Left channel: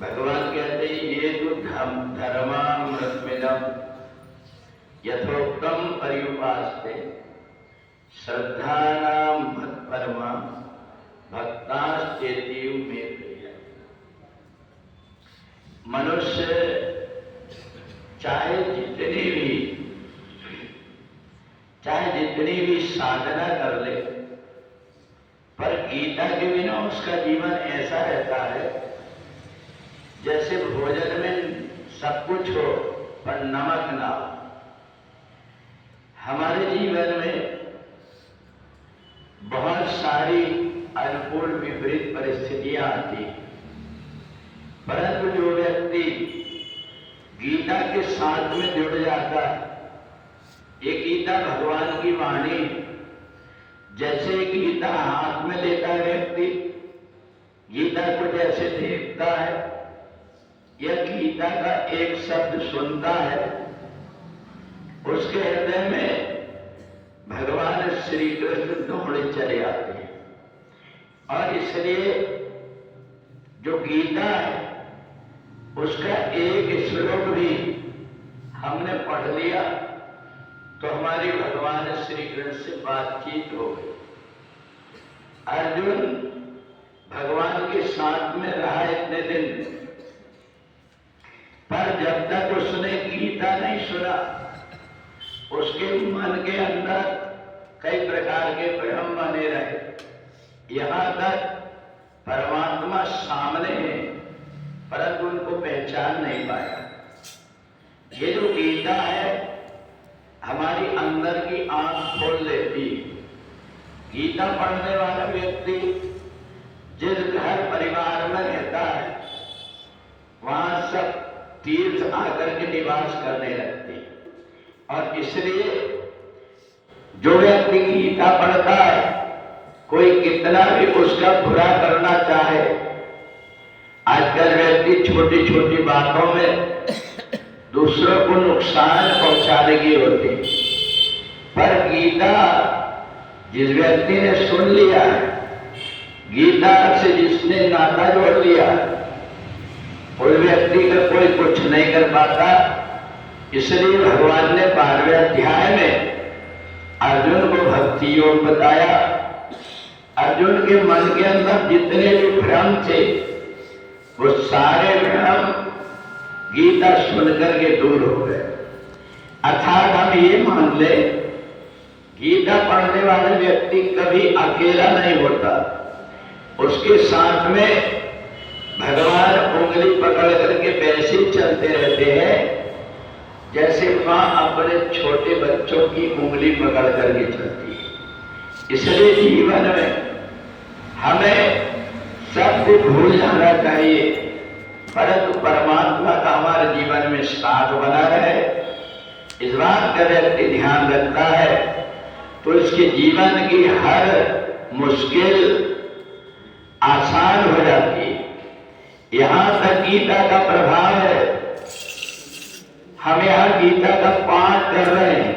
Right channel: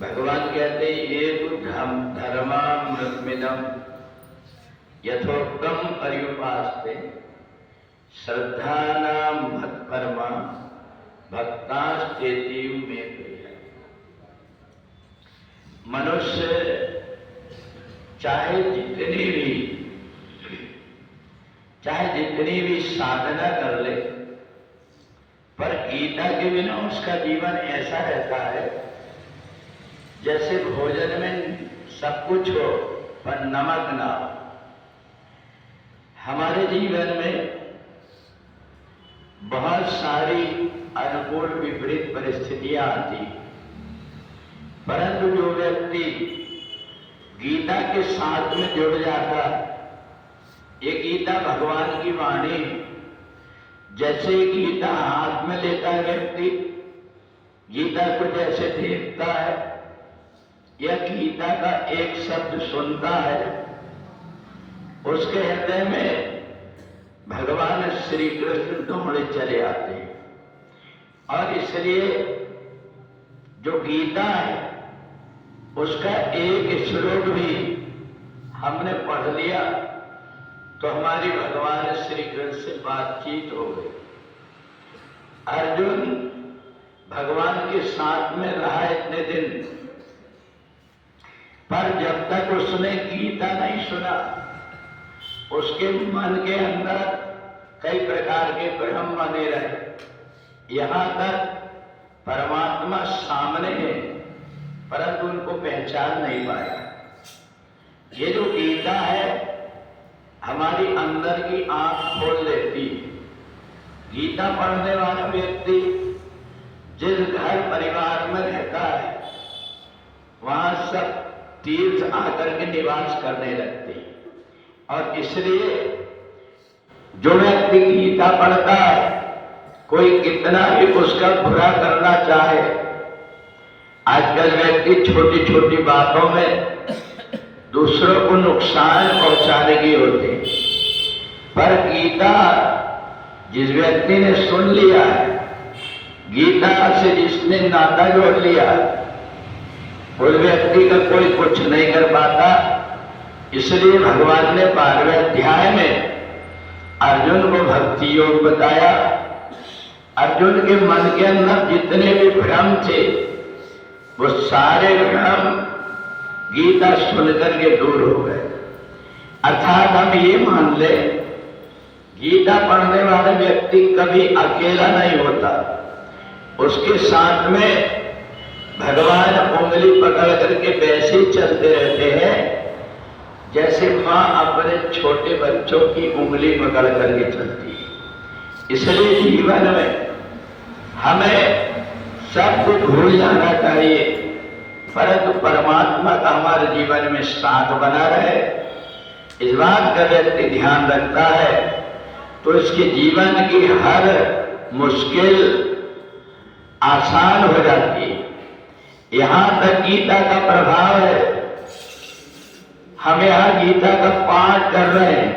भगवान कहते ये तो धर्मामृतमिदम यथोक्तम पर्युपास्ते श्रद्धानाम मत्परमा भक्ताश्चेतीव में प्रिय। मनुष्य चाहे जितनी भी साधना कर ले, पर गीता के बिना उसका जीवन ऐसा रहता है जैसे भोजन में सब कुछ हो पर नमक ना हो। हमारे जीवन में बहुत सारी अनुकूल विपरीत परिस्थितियां आती, परंतु जो व्यक्ति गीता के साथ में जुड़ जाता है, ये गीता भगवान की वाणी, जैसे गीता हाथ में लेता व्यक्ति गीता को जैसे देखता है या गीता का एक शब्द सुनता है, उसके हृदय में भगवान श्री कृष्ण दौड़े चले आते हैं। और इसलिए जो गीता है उसका एक श्लोक भी हमने पढ़ लिया तो हमारी भगवान श्री कृष्ण से बातचीत हो गई। अर्जुन भगवान के साथ में रहा इतने दिन, पर जब तक उसने गीता नहीं सुना, उसके मन के अंदर कई प्रकार के भ्रम बने रहे। यहां तक परमात्मा सामने है परंतु उनको पहचान नहीं पाया। ये जो गीता है हमारी अंदर की आंख खोल लेती। गीता पढ़ने वाला व्यक्ति जिस घर परिवार में रहता है वहां सब तीर्थ आकर के निवास करने लगते। और इसलिए जो व्यक्ति गीता पढ़ता है, कोई कितना भी उसका बुरा करना चाहे, आजकल व्यक्ति छोटी छोटी बातों में दूसरों को नुकसान पहुंचाने की होती, पर गीता जिस व्यक्ति ने सुन लिया है, गीता से जिसने नाता जोड़ लिया, उस व्यक्ति का कोई कुछ नहीं कर पाता। इसलिए भगवान ने 12वें अध्याय में अर्जुन को भक्ति योग बताया। अर्जुन के मन के अंदर जितने भी भ्रम थे वो सारे भ्रम गीता सुनकर के दूर हो गए। अर्थात हम ये मान ले, गीता पढ़ने वाला व्यक्ति कभी अकेला नहीं होता, उसके साथ में भगवान उंगली पकड़ करके वैसे ही चलते रहते हैं जैसे माँ अपने छोटे बच्चों की उंगली पकड़ करके चलती है। इसलिए जीवन में हमें सब कुछ भूल जाना चाहिए, परंतु परमात्मा का हमारे जीवन में साथ बना रहे, इस बात का व्यक्ति ध्यान रखता है तो इसके जीवन की हर मुश्किल आसान हो जाती है। यहां तक गीता का प्रभाव है। हम यहां गीता का पाठ कर रहे हैं,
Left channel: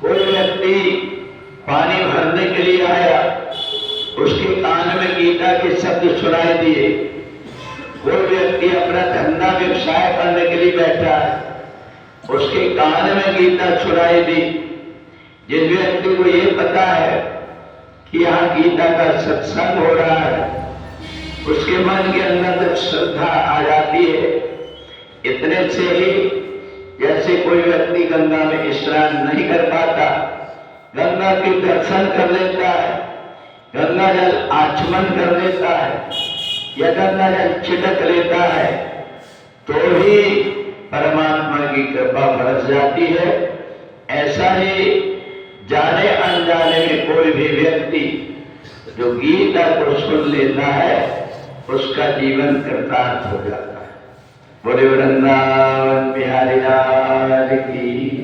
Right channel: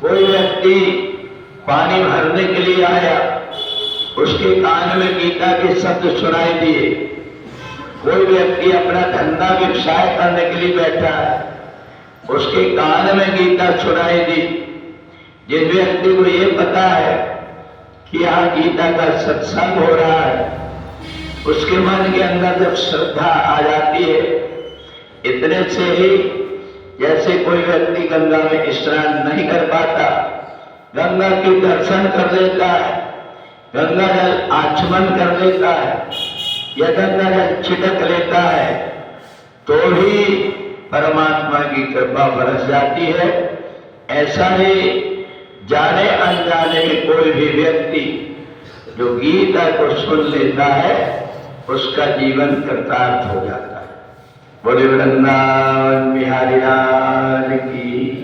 कोई व्यक्ति पानी भरने के लिए आया, उसके कान में गीता के शब्द सुनाई दिए। कोई व्यक्ति अपना धंधा व्यवसाय करने के लिए बैठा है, उसके कान में गीता सुनाई दी। जिस व्यक्ति को ये पता है कि यहाँ गीता का सत्संग हो रहा है, उसके मन के अंदर जब श्रद्धा आ जाती है, इतने से ही जैसे कोई व्यक्ति गंगा में स्नान नहीं कर पाता, गंगा के दर्शन कर लेता है, गंगा जल आचमन कर लेता है या गंगा जल छिड़क लेता है, तो ही परमात्मा की कृपा बरस जाती है। ऐसा ही जाने अनजाने में कोई भी व्यक्ति जो गीता को सुन लेता है उसका जीवन कृतार्थ हो जाता है। बोले वृंदावन बिहारी लाल की।